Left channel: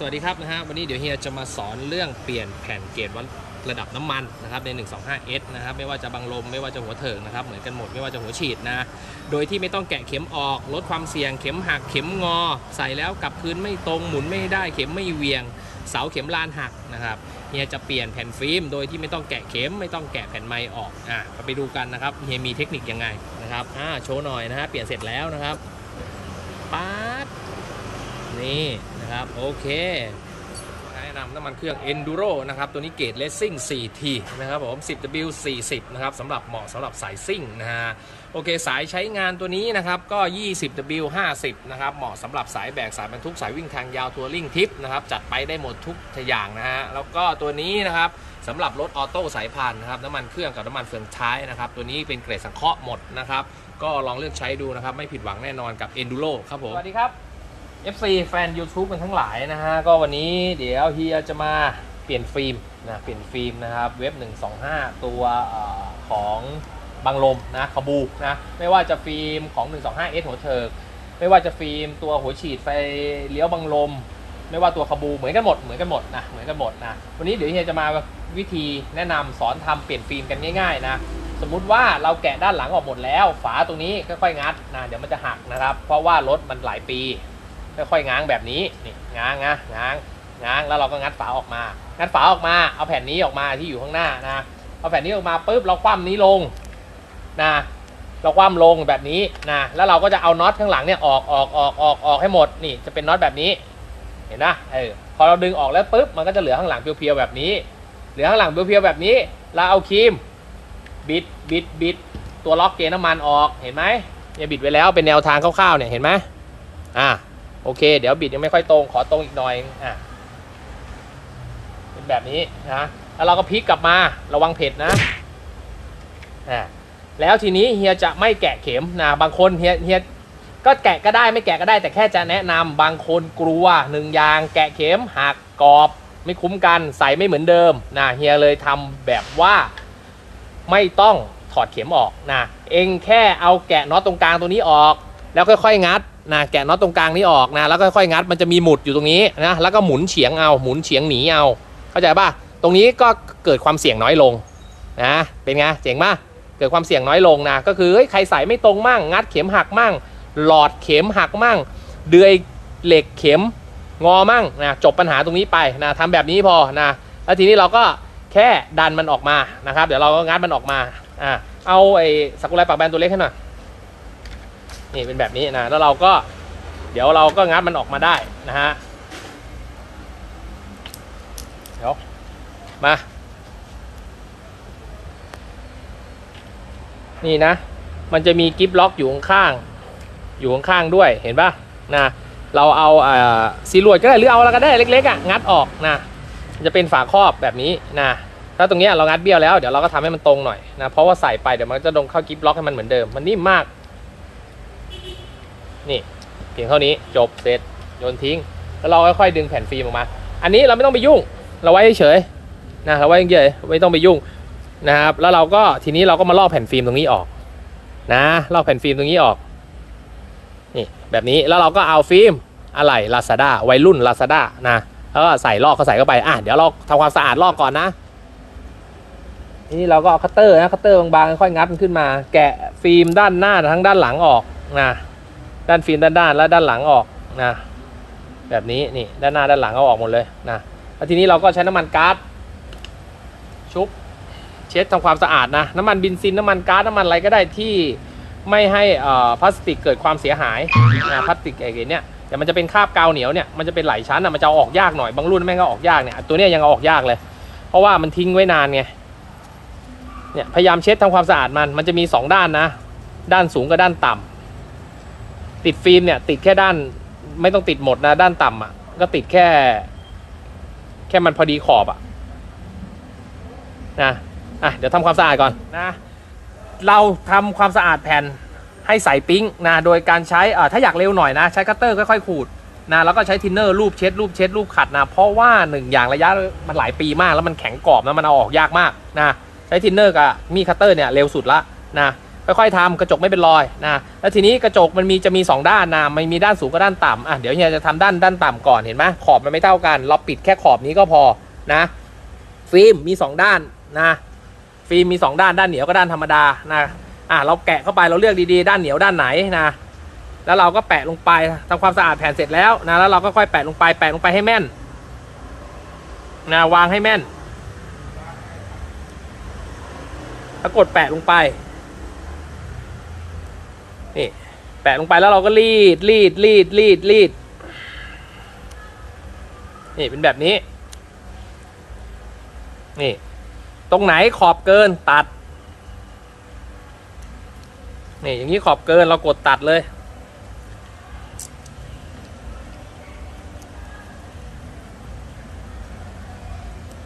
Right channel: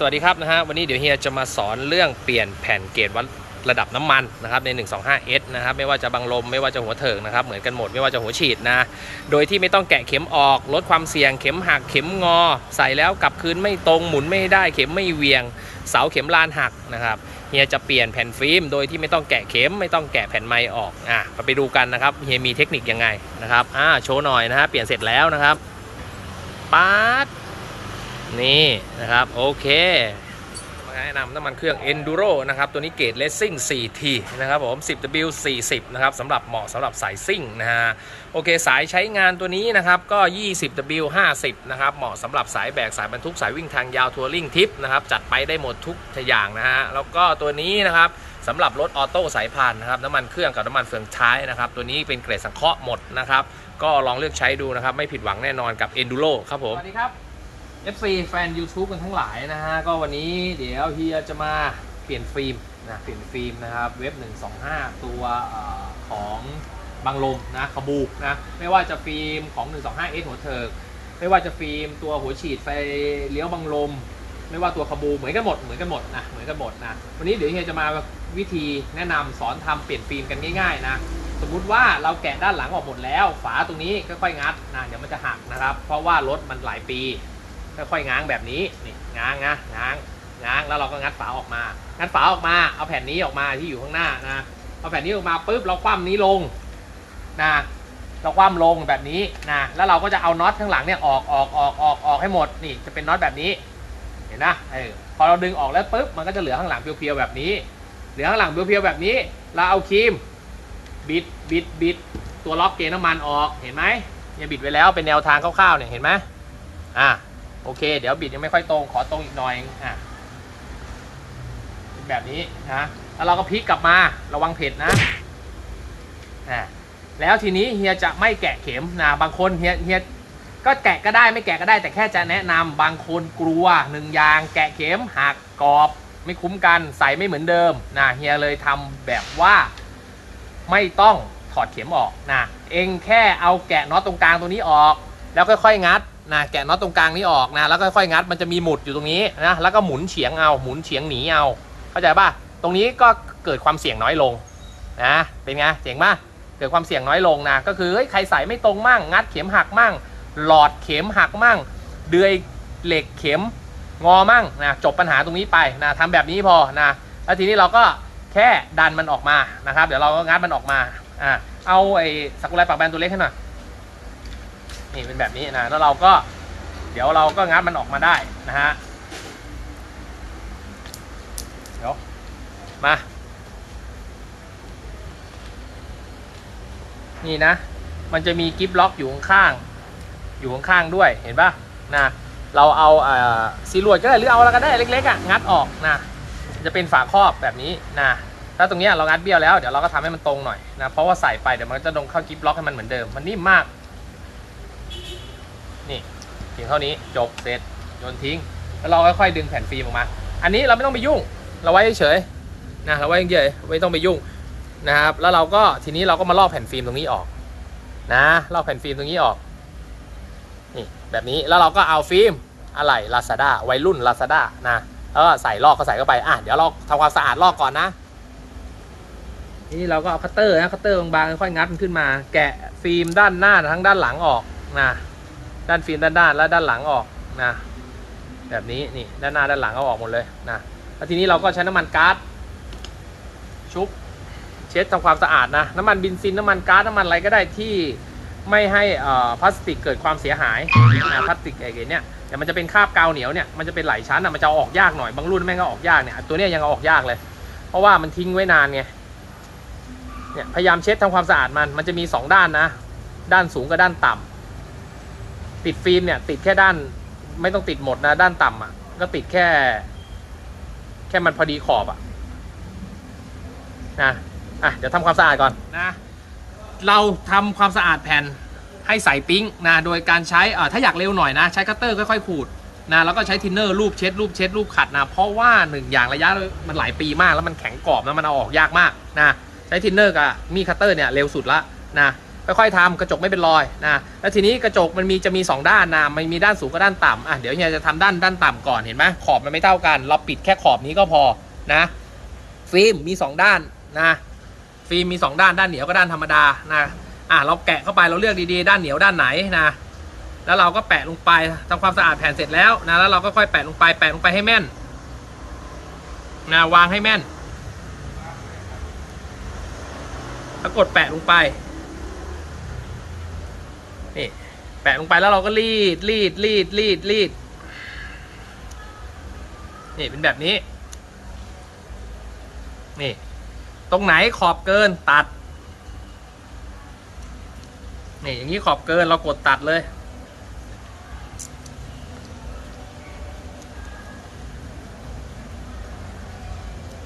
สวัสดีครับนะฮะวันนี้เดี๋ยวเฮียจะมาสอนเรื่องเปลี่ยนแผ่นเกจวัดระดับน้ำมันนะครับใน 125S นะครับไม่ว่าจะบังลมไม่ว่าจะหัวเถิกนะครับเหมือนกันหมดไม่ว่าจะหัวฉีดนะโดยที่ไม่ต้องแกะเข็มออกลดความเสี่ยงเข็มหักเข็มงอ ใส่แล้วกลับคืนไม่ตรงหมุนไม่ได้เข็มไม่เวียง เสาเข็มลานหักนะครับเฮียจะเปลี่ยนแผ่นฟิล์มโดยที่ไม่ต้องแกะเข็มไม่ต้องแกะแผ่นไม้ออกอะไปดูกันนะครับเฮียมีเทคนิคยังไงนะครับอ่าโชว์หน่อยนะฮะเปลี่ยนเสร็จแล้วนะครับป๊าด นี่นะครับ โอเคมาแนะนำน้ำมันเครื่อง Enduro นะครับ ตัวนี้เกรด Racing 4T นะครับผม 10W 40 นะครับสำหรับเหมาะสำหรับสายซิ่งนะฮะ โอเค สายใช้งานตัวนี้นะครับก็ 20W 50 นะครับ เหมาะสำหรับสายแบก สายบรรทุก สายวิ่งทางยาวทัวริงทิปนะครับ จัดไปได้หมดทุกอย่างนะฮะ แล้วก็ตัวนี้นะครับสำหรับรถออโต้สายพานนะครับน้ำมันเครื่องกับน้ำมันเฟืองท้ายนะครับตัวนี้เป็นเกรดสังเคราะห์หมดนะครับก็ลองเลือกใช้ดูนะครับไม่ผิดหวังแน่นอนกับ Enduro ครับผมสวัสดีครับ FC แฟน YouTube กันทั้งหลายนะฮะ ก็วันนี้เดี๋ยวเฮียจะมาเปลี่ยนฟิล์มนะเปลี่ยนฟิล์มนะครับเว็บ 125 ตัวอของบังลมนะขบูนะไม่ว่าจะฟิล์มของ 125S หัวเถิกไม่ว่าจะฟิล์มตัวหัวฉีดไฟเลี้ยวบังลม ไม่ว่าตัวขบูเหมือนกันหมดเหมือนกันหมดนะเหมือนกันหมดนะวันนี้เดี๋ยวเฮียจะมาวิธีแนะนำสอนทำเปลี่ยนฟิล์มกันง่ายๆนะสมมุติว่าเราแกะด้านหลังออกหมดแล้ว ฝาตรงนี้ค่อยๆงัดนะเดี๋ยวมันจะหักนะครับ เพราะว่ารถมันหลายปี ค่อยๆง้างแบบนี้นี่ง้างนะง้างง้างแล้วเราก็งัดฝาออกมา งัดฝาออกมา เอาแผ่นนี้ออกมาที่อยู่ข้างหน้านะเอาแผ่นนี้ออกมาปุ๊บเราคว่ำนี้ลงนะเราคว่ำลงแบบนี้นะแล้วเราก็จะเอาน็อตข้างหลังเนี่ยออกออกออกออกออกให้หมดนี่จะเป็นน็อตแบบนี้ เห็นนะเออพอเราดึงออกแล้วปุ๊บมันก็จะเหลือข้างหลังเพียวๆแบบนี้ เหลือข้างหลังเพียวๆแบบนี้ เราเอาครีมบิดบิดบิดตัวล็อกเกนน้ำมันออกเห็นไหมเนี่ยบิดไว้แล้วเป็นแนวทางคร่าวๆเนี่ยเห็นไหมอ่า โอเค เดี๋ยวบิดยังไม่ค่อยตรง ขอตรงอีกหน่อยอะเป็นแบบนี้นะแล้วเราก็พลิกกลับมาระวังเผ็ดนะอะแล้วทีนี้เฮียจะไม่แกะเข็มนะบางคนเฮียเฮียก็แกะก็ได้ไม่แกะก็ได้แต่แค่จะแนะนำบางคนกลัวหนึ่งยางแกะเข็มหักกรอบไม่คุ้มกันใส่ไม่เหมือนเดิมนะเฮียเลยทำแบบว่าไม่ต้องถอดเข็มออกนะเองแค่เอาแกะน็อตตรงกลางตัวนี้ออก แล้วค่อยๆงัด นะแกะน็อตตรงกลางนี้ออกนะแล้วก็ค่อยงัดมันจะมีหมุดอยู่ตรงนี้นะแล้วก็หมุนเฉียงเอาหมุนเฉียงหนีเอาเข้าใจป่ะตรงนี้ก็เกิดความเสี่ยงน้อยลงนะเป็นไงเจ๋งป่ะเกิดความเสี่ยงน้อยลงนะก็คือเฮ้ยใครใส่ไม่ตรงมั่งงัดเข็มหักมั่ง หลอดเข็มหักมั่ง เดือยเหล็กเข็มงอมั่งนะจบปัญหาตรงนี้ไปนะทำแบบนี้พอนะแล้วทีนี้เราก็แค่ดันมันออกมานะครับ เดี๋ยวเราก็งัดมันออกมาอ่าเอาไอ้สักุไรปากแบนตัวเล็กให้หน่อย นี่เป็นแบบนี้นะแล้วเราก็เดี๋ยวเราก็งัดมันออกมาได้นะฮะเดี๋ยวมานี่นะ มันจะมีกิฟล็อกอยู่ข้างๆอยู่ข้างๆด้วยเห็นปะนะเราเอาอ่าซีลวดก็ได้หรือเอาอะไรก็ได้เล็กๆอะงัดออกนะจะเป็นฝาครอบแบบนี้นะถ้าตรงเนี้ยเรางัดเบี้ยวแล้วเดี๋ยวเราก็ทำให้มันตรงหน่อยนะเพราะว่าใส่ไปเดี๋ยวมันจะลงเข้ากิฟล็อกให้มันเหมือนเดิมมันนิ่มมาก นี่เพียงเท่านี้จบเสร็จโยนทิ้ง แล้วเราค่อยๆดึงแผ่นฟิล์มออกมา อันนี้เราไม่ต้องไปยุ่ง เราไว้เฉยๆนะเราไว้เฉยๆไม่ต้องไปยุ่งนะครับ แล้วเราก็ทีนี้เราก็มาลอกแผ่นฟิล์มตรงนี้ออก นะลอกแผ่นฟิล์มตรงนี้ออกนี่แบบนี้แล้วเราก็เอาฟิล์มอะไรลาซาด้าวัยรุ่นลาซาด้านะแล้วก็ใส่ลอกเขาใส่เข้าไปอะเดี๋ยวเราทำความสะอาดลอกก่อนนะนี่เราก็เอาคัตเตอร์นะคัตเตอร์บางๆค่อยงัดมันขึ้นมา แกะฟิล์มด้านหน้าทั้งด้านหลังออกนะ ด้านฟิล์มด้านด้านและด้านหลังออกนะแบบนี้นี่ด้านหน้าด้านหลังเอาออกหมดเลยนะแล้วทีนี้เราก็ใช้น้ำมันก๊าซชุบเช็ดทำความสะอาดนะน้ำมันเบินซินน้ำมันก๊าซน้ำมันอะไรก็ได้ที่ไม่ให้อ่อพลาสติกเกิดความเสียหายพลาสติกไอ้เนี่ยแต่มันจะเป็นคราบกาวเหนียวเนี่ยมันจะเป็นหลายชั้นอะมันจะออกยากหน่อยบางรุ่นแม่งก็ออกยากเนี่ยตัวเนี้ยยังอออกยากเลย เพราะว่ามันทิ้งไว้นานไงเนี่ยพยายามเช็ดทำความสะอาดมันมันจะมีสองด้านนะ ด้านสูงกับด้านต่ำ ติดฟิล์มเนี่ยติดแค่ด้าน ไม่ต้องติดหมดนะด้านต่ำอะ ก็ติดแค่ แค่มันพอดีขอบอะนะอะเดี๋ยวทำความสะอาดก่อนนะเราทำความสะอาดแผ่นให้ใส่ปิ๊งนะโดยการใช้อ่าถ้าอยากเร็วหน่อยนะ ใช้คัตเตอร์ค่อยๆขูดนะแล้วก็ใช้ทินเนอร์รูปเช็ดรูปเช็ดรูปขัดนะ เพราะว่าหนึ่งอย่างระยะมันหลายปีมากแล้วมันแข็งกรอบนะมันเอาออกยากมากนะใช้ทินเนอร์กับมีดคัตเตอร์เนี่ยเร็วสุดละนะ ค่อยๆทำกระจกไม่เป็นรอยนะแล้วทีนี้กระจกมันมีจะมีสองด้านนะมันมีด้านสูงกับด้านต่ำอะเดี๋ยวเฮียจะทำด้านด้านต่ำก่อนเห็นไหมขอบมันไม่เท่ากัน เราปิดแค่ขอบนี้ก็พอนะฟิล์มมีสองด้านนะฟิล์มมีสองด้านด้านเหนียวกับด้านธรรมดานะอะเราแกะเข้าไปเราเลือกดีๆ ด้านเหนียวด้านไหนนะแล้วเราก็แปะลงไปทำความสะอาดแผ่นเสร็จแล้วนะแล้วเราก็ค่อยแปะลงไปแปะลงไปให้แม่นนะวางให้แม่นแล้วกดแปะลงไป นี่แปะลงไปแล้วเราก็รีดรีดรีดรีดรีดนี่เป็นแบบนี้ นี่ ตรงไหนขอบเกินตัด นี่อย่างนี้ขอบเกินเรากดตัดเลย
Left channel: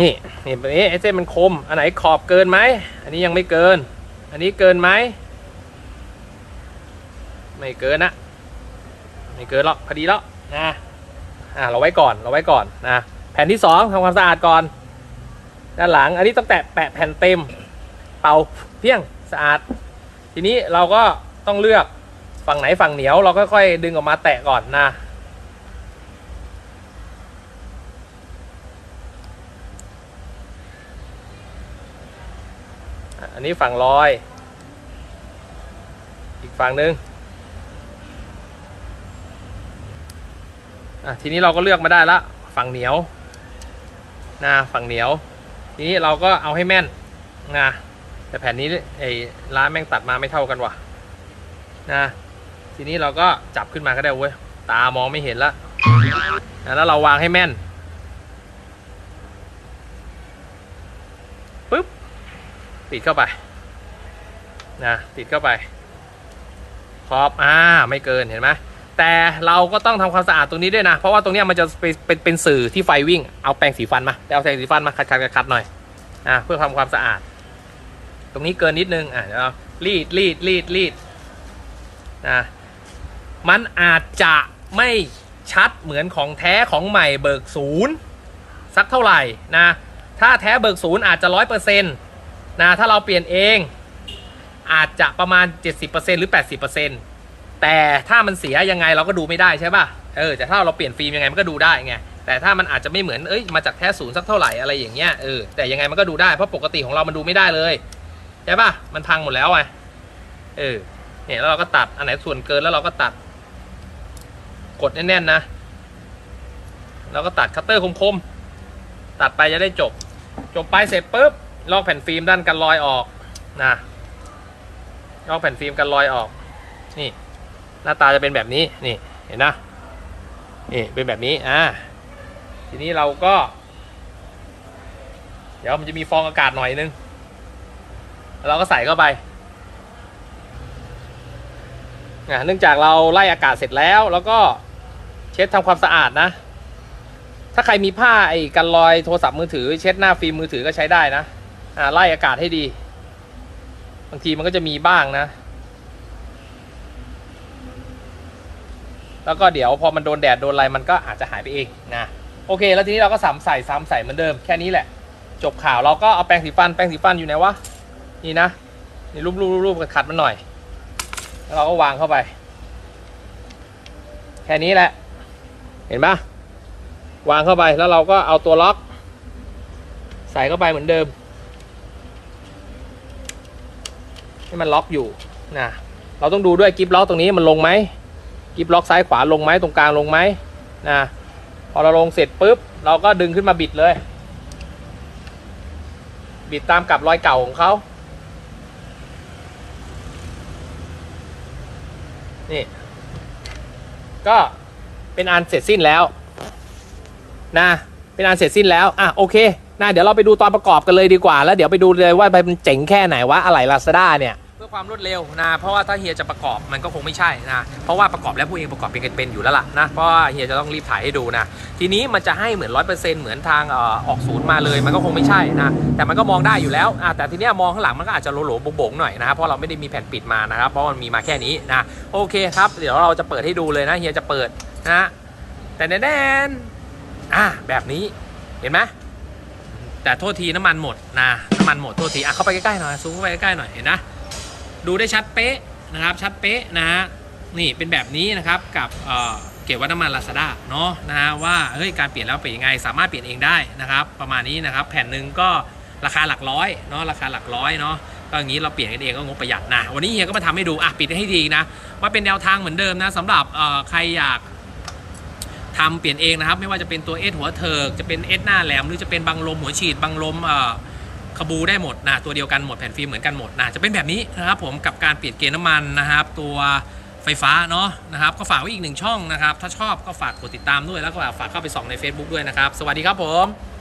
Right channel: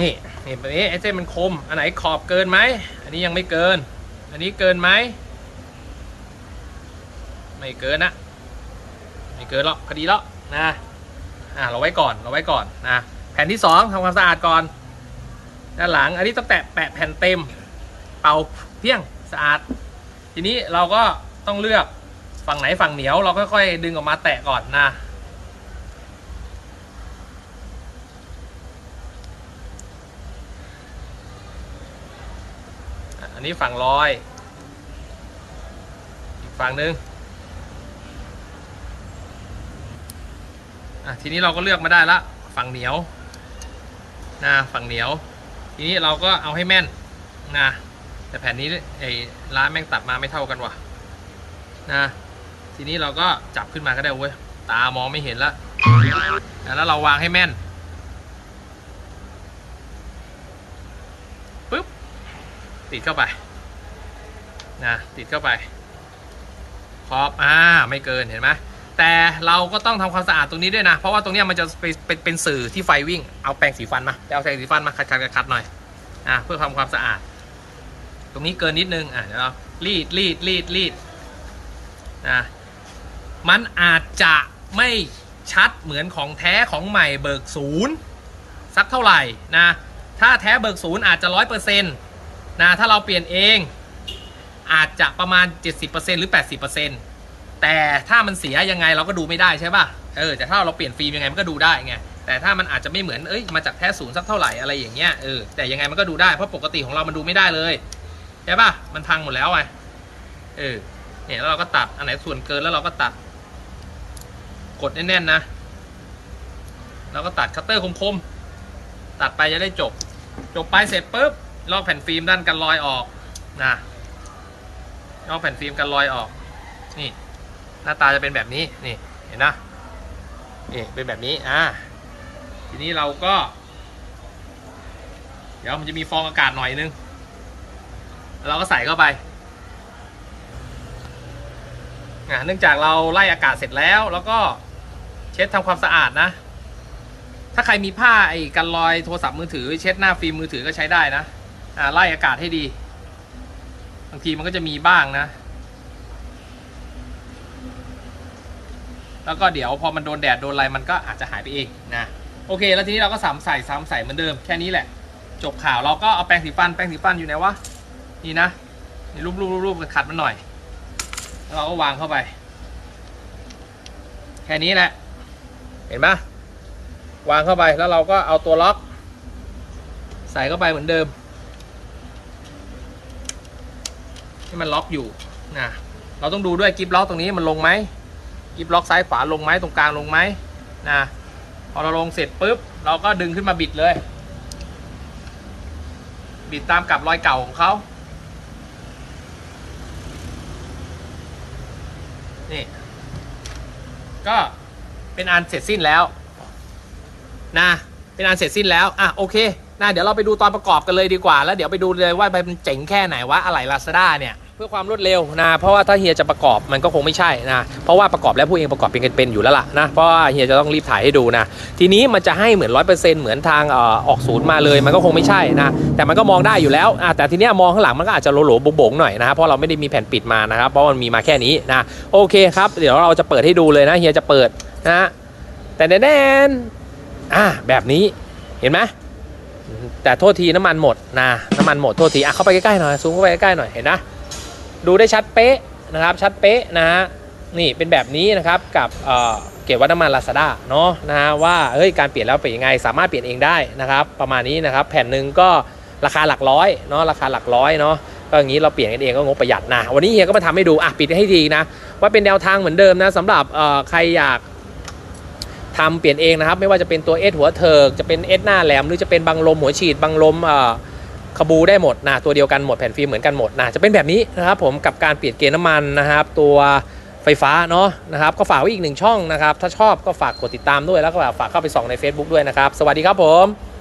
นี่เห็นแบบนี้ไอ้เส้นมันคม อันไหนขอบเกินไหม อันนี้ยังไม่เกิน อันนี้เกินไหม ไม่เกินนะไม่เกินหรอกพอดีแล้วนะอ่าเราไว้ก่อนเราไว้ก่อนนะแผ่นที่สองทำความสะอาดก่อนด้านหลังอันนี้ต้องแตะแปะแผ่นเต็ม เป่าเพียงสะอาด ทีนี้เราก็ต้องเลือกฝั่งไหนฝั่งเหนียวเราค่อยๆดึงออกมาแตะก่อนนะอันนี้ฝั่งลอย อีกฝั่งหนึ่ง อะทีนี้เราก็เลือกมาได้ละฝั่งเหนียวนะฝั่งเหนียวทีนี้เราก็เอาให้แม่นนะแต่แผ่นนี้ไอ้ร้านแม่งตัดมาไม่เท่ากันว่ะนะทีนี้เราก็จับขึ้นมาก็ได้เว้ยตามองไม่เห็นละอะแล้วเราวางให้แม่นปึ๊บติดเข้าไปนะติดเข้าไปขอบอ่าไม่เกินเห็นไหม แต่เราก็ต้องทำความสะอาดตรงนี้ด้วยนะ เพราะว่าตรงนี้มันจะเป็นเป็นสื่อที่ไฟวิ่ง เอาแปรงสีฟันมาเอาแปรงสีฟันมาขัดขัดขัดขัดหน่อยอ่าเพื่อทำความสะอาด ตรงนี้เกินนิดนึงอะเดี๋ยวเรารีดรีดรีดรีดนะมันอาจจะไม่ชัดเหมือนของแท้ของใหม่เบิกศูนย์สักเท่าไหร่นะถ้าแท้เบิกศูนย์อาจจะร้อยเปอร์เซ็นต์นะถ้าเราเปลี่ยนเองอาจจะประมาณ 70%หรือ 80% แต่ถ้ามันเสียยังไงเราก็ดูไม่ได้ใช่ป่ะเออแต่ถ้าเราเปลี่ยนฟิล์มยังไงมันก็ดูได้ไงแต่ถ้ามันอาจจะไม่เหมือนเอ้ยมาจากแท้ศูนย์สักเท่าไหร่อะไรอย่างเงี้ยเออแต่ยังไงมันก็ดูได้เพราะปกติของเรามันดูไม่ได้เลยใช่ป่ะมันพังหมดแล้วไงเออเนี่ยแล้วเราก็ตัดอันไหนส่วนเกินแล้วเราก็ตัด กดแน่นๆนะเราก็ตัดคัตเตอร์คมๆตัดไปจะได้จบ จบไปเสร็จปุ๊บลอกแผ่นฟิล์มด้านกันรอยออกนะลอกแผ่นฟิล์มกันรอยออกนี่ หน้าตาจะเป็นแบบนี้นี่เห็นนะนี่เป็นแบบนี้อ่าทีนี้เราก็ เดี๋ยวมันจะมีฟองอากาศหน่อยนึงเราก็ใส่เข้าไปเนี่ยเนื่องจากเราไล่อากาศเสร็จแล้ว แล้วก็เช็ดทำความสะอาดนะ ถ้าใครมีผ้าไอ้กันรอยโทรศัพท์มือถือ เช็ดหน้าฟิล์มมือถือก็ใช้ได้นะอ่าไล่อากาศให้ดี บางทีมันก็จะมีบ้างนะ แล้วก็เดี๋ยวพอมันโดนแดดโดนอะไรมันก็อาจจะหายไปเองนะโอเค แล้วทีนี้เราก็ซ้ำใส่ซ้ำใส่เหมือนเดิมแค่นี้แหละ จบข่าวเราก็เอาแปรงสีฟันแปรงสีฟันอยู่ไหนวะนี่นะนี่รูปรูปรูปขัดมันหน่อย แล้วเราก็วางเข้าไปแค่นี้แหละ เห็นปะวางเข้าไปแล้วเราก็เอาตัวล็อกใส่เข้าไปเหมือนเดิมให้มันล็อกอยู่นะเราต้องดูด้วยกิฟล็อกตรงนี้มันลงไหม กิฟล็อกซ้ายขวาลงไหมตรงกลางลงไหมนะพอเราลงเสร็จปุ๊บ เราก็ดึงขึ้นมาบิดเลย บิดตามกับรอยเก่าของเขานี่ ก็เป็นอันเสร็จสิ้นแล้วนะเป็นอันเสร็จสิ้นแล้วอะโอเคนะเดี๋ยวเราไปดูตอนประกอบกันเลยดีกว่า แล้วเดี๋ยวไปดูเลยว่ามันเจ๋งแค่ไหนวะอะไรลาซาด้าเนี่ย เพื่อความรวดเร็วนะเพราะว่าถ้าเฮียจะประกอบมันก็คงไม่ใช่นะเพราะว่าประกอบแล้วพวกเองประกอบเป็นกันเป็นอยู่แล้วล่ะนะเพราะว่าเฮียจะต้องรีบถ่ายให้ดูนะทีนี้มันจะให้เหมือนร้อยเปอร์เซ็นต์เหมือนทางออกศูนย์มาเลยมันก็คงไม่ใช่นะแต่มันก็มองได้อยู่แล้วแต่ทีนี้มองข้างหลังมันก็อาจจะโหลๆบงๆหน่อยนะเพราะเราไม่ได้มีแผ่นปิดมานะครับเพราะมันมีมาแค่นี้นะโอเคครับ เดี๋ยวเราจะเปิดให้ดูเลยนะเฮียจะเปิดนะแต่แน่นๆอะแบบนี้เห็นไหมแต่โทษทีน้ำมันหมดนะน้ำมันหมดโทษทีอะเข้าไปใกล้ๆหน่อยซูมเข้าไปใกล้ๆหน่อยเห็นนะ ดูได้ชัดเป๊ะนะครับชัดเป๊ะนะฮะนี่เป็นแบบนี้นะครับกับเกียรติวัฒน้ำมันลาซาด้าเนาะนะฮะว่าเฮ้ยการเปลี่ยนแล้วเป็นยังไงสามารถเปลี่ยนเองได้นะครับประมาณนี้นะครับแผ่นหนึ่งก็ราคาหลักร้อยเนาะราคาหลักร้อยเนาะก็อย่างนี้เราเปลี่ยนกันเองก็งบประหยัดนะวันนี้เฮียก็มาทำให้ดูอะปิดให้ดีนะว่าเป็นแนวทางเหมือนเดิมนะสำหรับใครอยากทำเปลี่ยนเองนะครับ ไม่ว่าจะเป็นตัวเอสหัวเถิกจะเป็นเอสหน้าแหลมหรือจะเป็นบังลมหัวฉีดบังลมเอ่อ ขบูได้หมดนะตัวเดียวกันหมดแผ่นฟิล์มเหมือนกันหมดนะจะเป็นแบบนี้นะครับผมกับการเปลี่ยนเกณฑ์น้ำมันนะครับ ตัวไฟฟ้าเนาะนะครับ ก็ฝากไว้อีกหนึ่งช่องนะครับ ถ้าชอบก็ฝากกดติดตามด้วยแล้วก็ฝากเข้าไปส่องใน Facebook ด้วยนะครับ สวัสดีครับผม